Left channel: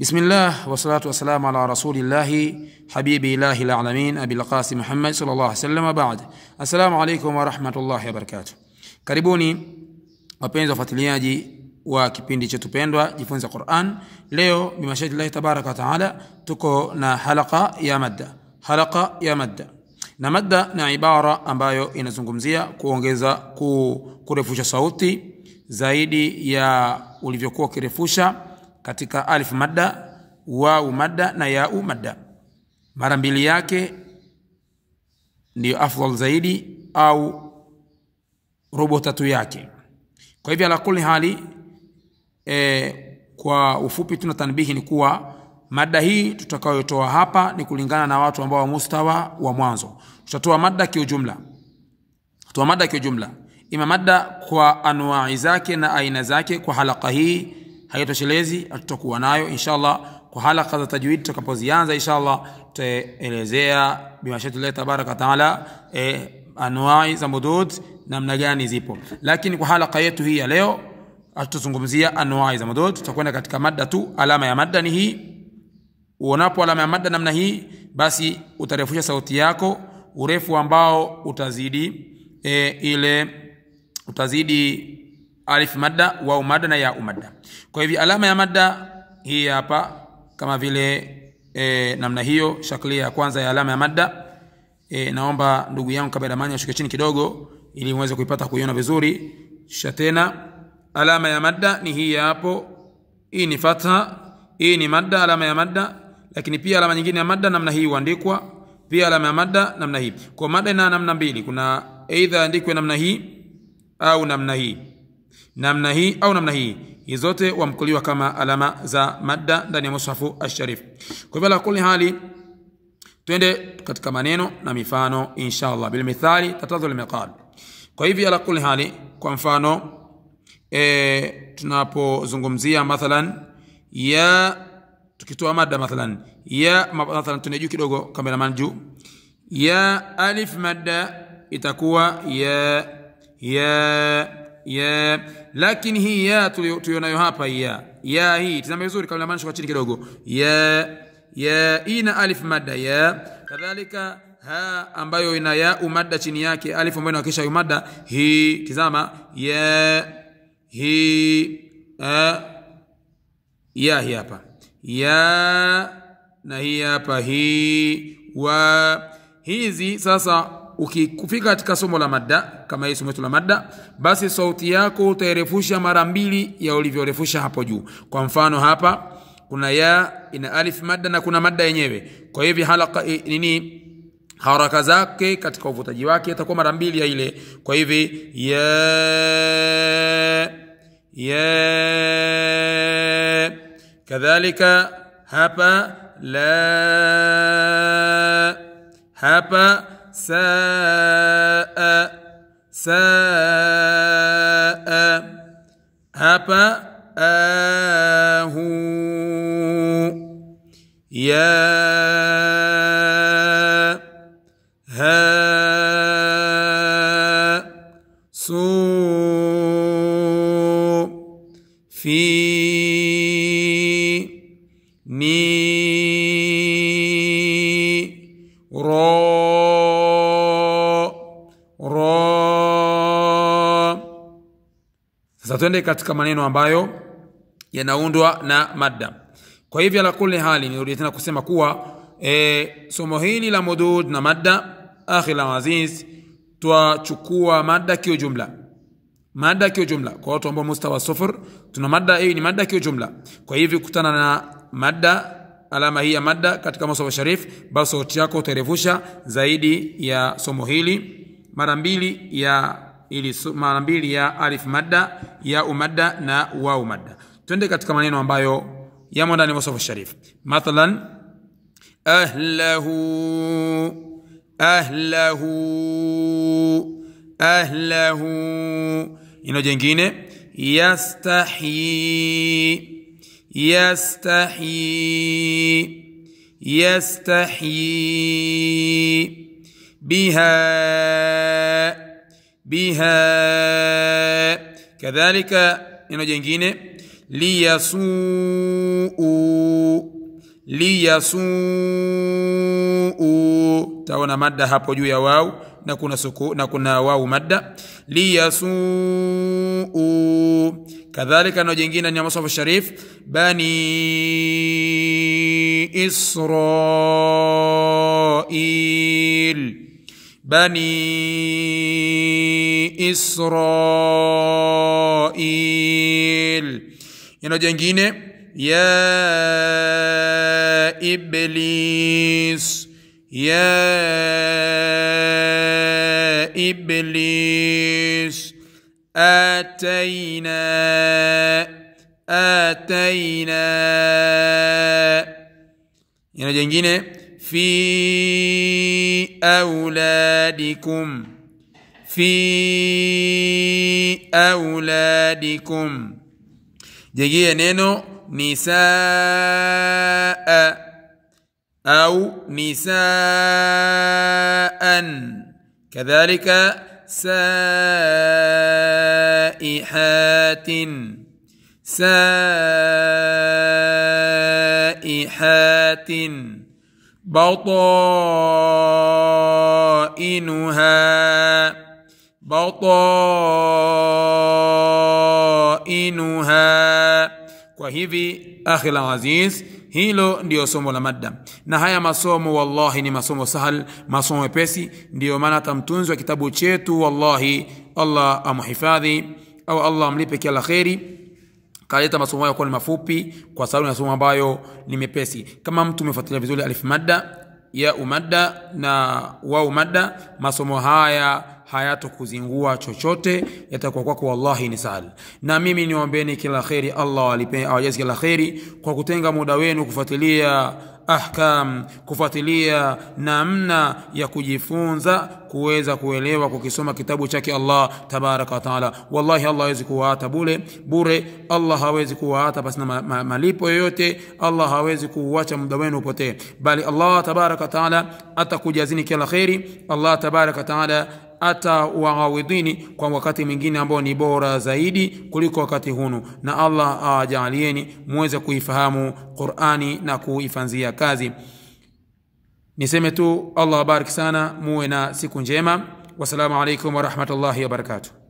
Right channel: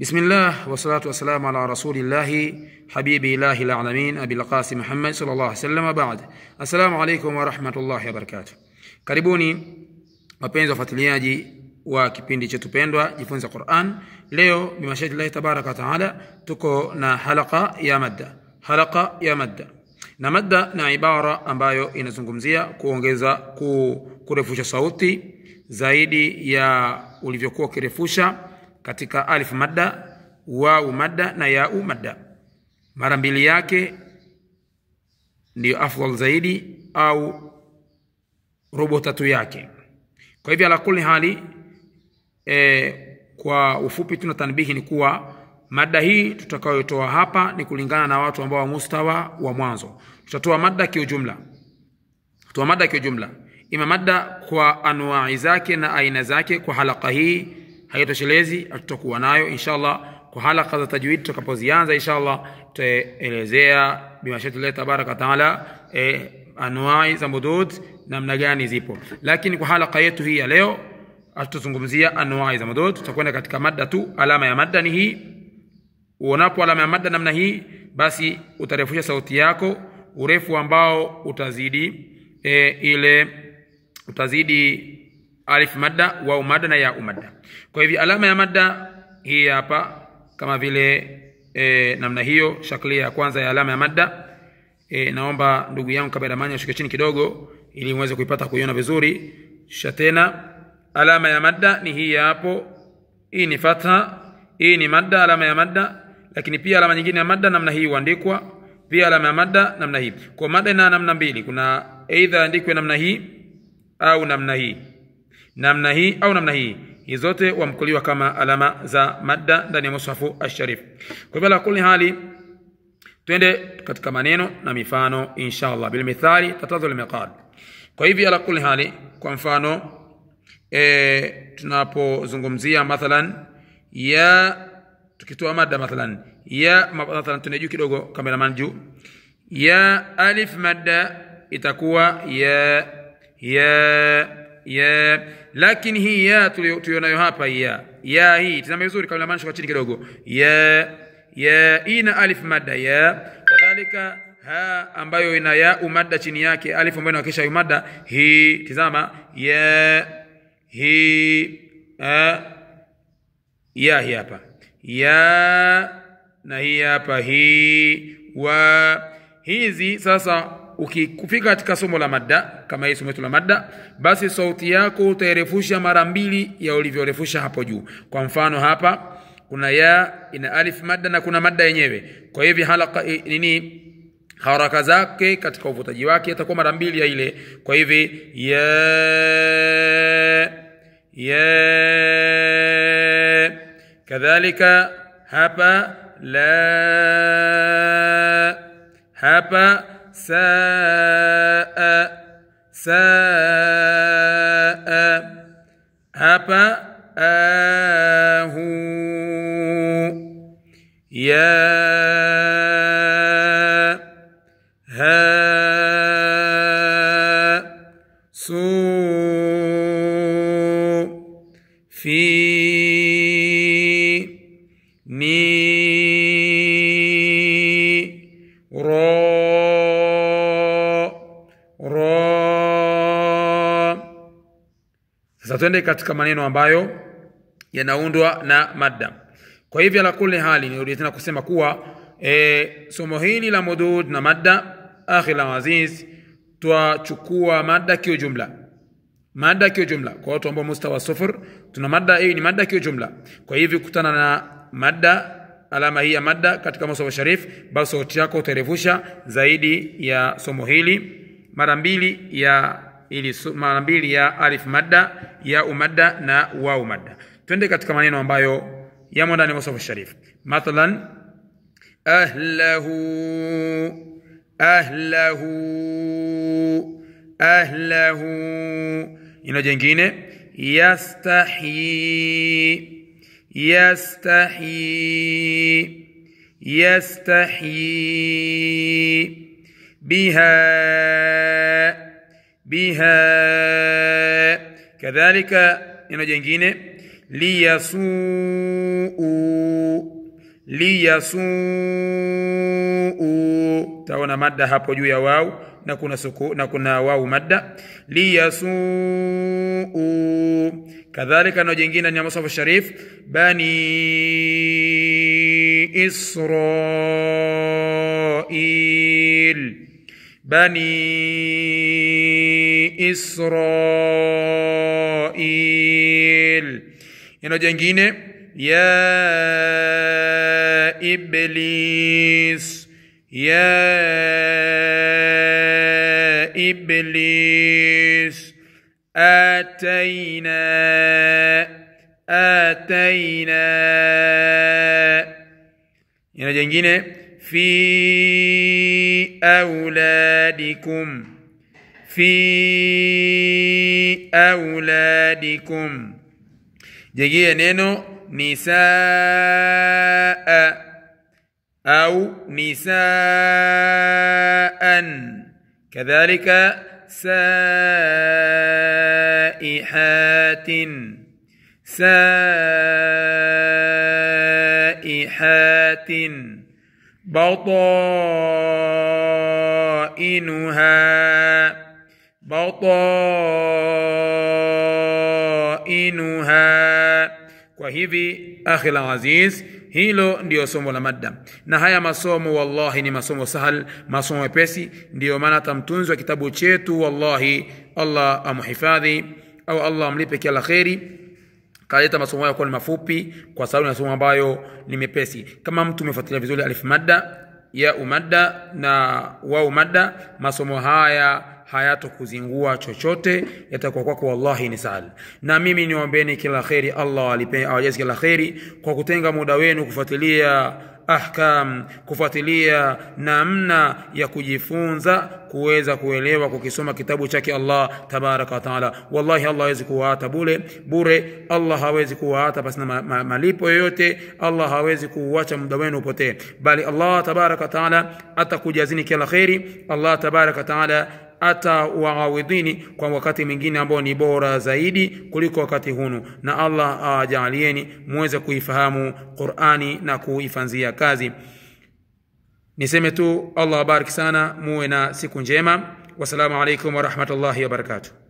بسم الله والصلاة والسلام على رسول الله حبيب الله العالمين أبي القاسم محمد صلى الله عليه وسلم وبعد. السلام عليكم ورحمة الله وبركاته. Karibuni wapenzi wafuatiliaji wa kipindi chetu pendwa Jifunze Qur'an. Leo bimashaidillahi tabaraka wa taala tuko na halqa ya madda. Na madda na ibara ambayo inazungumzia kuongeza kurefusha sauti zaidi ya ulivyokuwa kirefusha katika alif madda, wawu madda na yau madda. Mara mbili yake ndio afdal zaidi au robo tatu yake. Kwa hivyo ala kulli hali kwa ufupi tuna tanbihi ni kuwa madda hii tutakayotoa hapa ni kulingana na watu ambao wa mustawa wa mwanzo. Tutatoa madda kiujumla. Ima madda kwa anwaa zake na aina zake. Kwa halqa hii haitoshelezi, tutakuwa nayo inshallah. Kwa halqa za tajwid tutakapozianza inshallah tutaelezea bimashaidillahi tabaraka taala anwaa za mudud namna gani zipo. Lakini kwa halqa yetu hii ya leo tutazungumzia anwaa za mudud. Tutakwenda katika madda tu. Alama ya madda ni hii. Unapo alama ya madda namna hii, basi utarefusha sauti yako urefu ambao utazidi alif madda, wawu madda na yau madda. Kwa hivyo alama ya madda hii hapa kama vile namna hiyo, shaklia ya kwanza ya alama ya madda. Naomba ndugu yangu kaberamani ashuke chini kidogo ili muweze kuipata kuiona vizuri. Tena alama ya madda ni hii hapo. Hii ni fatha, hii ni madda, alama ya madda. Lakini pia alama nyingine ya madda namna hii huandikwa. Pia alama ya madda namna hii. Kwa madda ina namna mbili. Kuna aidha andikwe namna hii au namna hii. Namna hii au namna hii. Hizo zote wamkuliwa kama alama za madda ndani ya mushafu ash-sharif. Kwa hivyo la kulli hali twende katika maneno na mifano inshallah. Bil mithali tatadhul miqal. Kwa hivyo la kulli hali, kwa mfano tunapozungumzia mathalan ya, tukitoa madda mathalan ya, mathalan tunajua kidogo kameraman juu, ya alif madda itakuwa ya. Lakini hii ya tulionayo hapa ya hii tazama vizuri kameraman, shuka chini kidogo. Ya ina alif madda ya. Kadhalika ha ambayo ina ya umadda chini yake, alif ambayo inawakisha yu madda hii, tazama ya hii ya hii hapa ya, na hii hapa hii wa. Hizi sasa ukifika katika somo la madda kama hii somo la madda, basi sauti yako utairefusha mara mbili ya ulivyorefusha hapo juu. Kwa mfano hapa kuna ya ina alif madda na kuna madda yenyewe. Kwa hivyo halqa haraka zake katika uvutaji wake itakuwa mara mbili ya ile. Kwa hivyo ya kadhalika hapa la, hapa saa, hapa ahu, ya ha su fi ni ro. Sasa twende katika maneno ambayo yanaundwa na madda. Kwa hivyo la kulli hali nirudi tena kusema kuwa somo hili la mudud na madda akhil aziz tuachukua madda kiujumla. Kwa watu ambao mustawa sufur tuna madda hii ni madda kiujumla. Kwa hivyo kutana na madda, alama hii ya madda katika mustawa sharif, basi sauti yako utarefusha zaidi ya somo hili mara mbili ya alif madda, ya umadda na wawu madda. Twende katika maneno ambayo yamo ndani ya mustawa sharif. Mathalan ahlahu. Ina jingine yastahi biha. Kadhalika ina jingine liyasuu. Taona madda hapo juu ya wawu na kuna suku na kuna wawu madda. Liyasuu. Kadhalika na jingine ni Mus'haf Sharif, bani Israil, bani Israil. Ina jingine ya iblis, ya iblis. آتينا يعني جنجينة في أولادكم، في أولادكم. جنجينة نينو نساء أو نساء. كذلك سائحات، سائحات. بطائنها، بطائنها. Kwa hivi akhi al-aziz, hilo ndio somo la madda. Na haya masomo wallahi ni masomo sahal, masomo mepesi. Ndio maana tamtunzi wa kitabu chetu wallahi Allah amhifadhi au Allah amlipe kila khairi, kaleta masomo yako ni mafupi kwa sababu ni masomo ambayo ni mepesi. Kama mtu umefuatilia vizuri alif madda, ya umadda na wawu madda, masomo haya hayatokuzingua chochote, yatakuwa kwako wallahi ni sahal. Na mimi niombeeni kila khairi, Allah alipe awajaze kila khairi kwa kutenga muda wenu kufuatilia ahkam, kufuatilia namna ya kujifunza kuweza kuelewa kukisoma kitabu chake Allah tabaraka wa taala. Wallahi Allah hawezi kuwaata bure, Allah hawezi kuwaata basi na malipo yoyote, Allah hawezi kuacha muda wenu upotee, bali Allah tabaraka wa taala atakujazini kila khairi. Allah tabaraka wa taala atawaawidhini kwa wakati mwingine ambao ni bora zaidi kuliko wakati hunu. Na Allah ajalieni muweze kuifahamu Qur'ani na kuifanzia kazi. Niseme tu Allah bariki sana, muwe na siku njema. Wassalamu alaikum wa rahmatullahi wa barakatuh.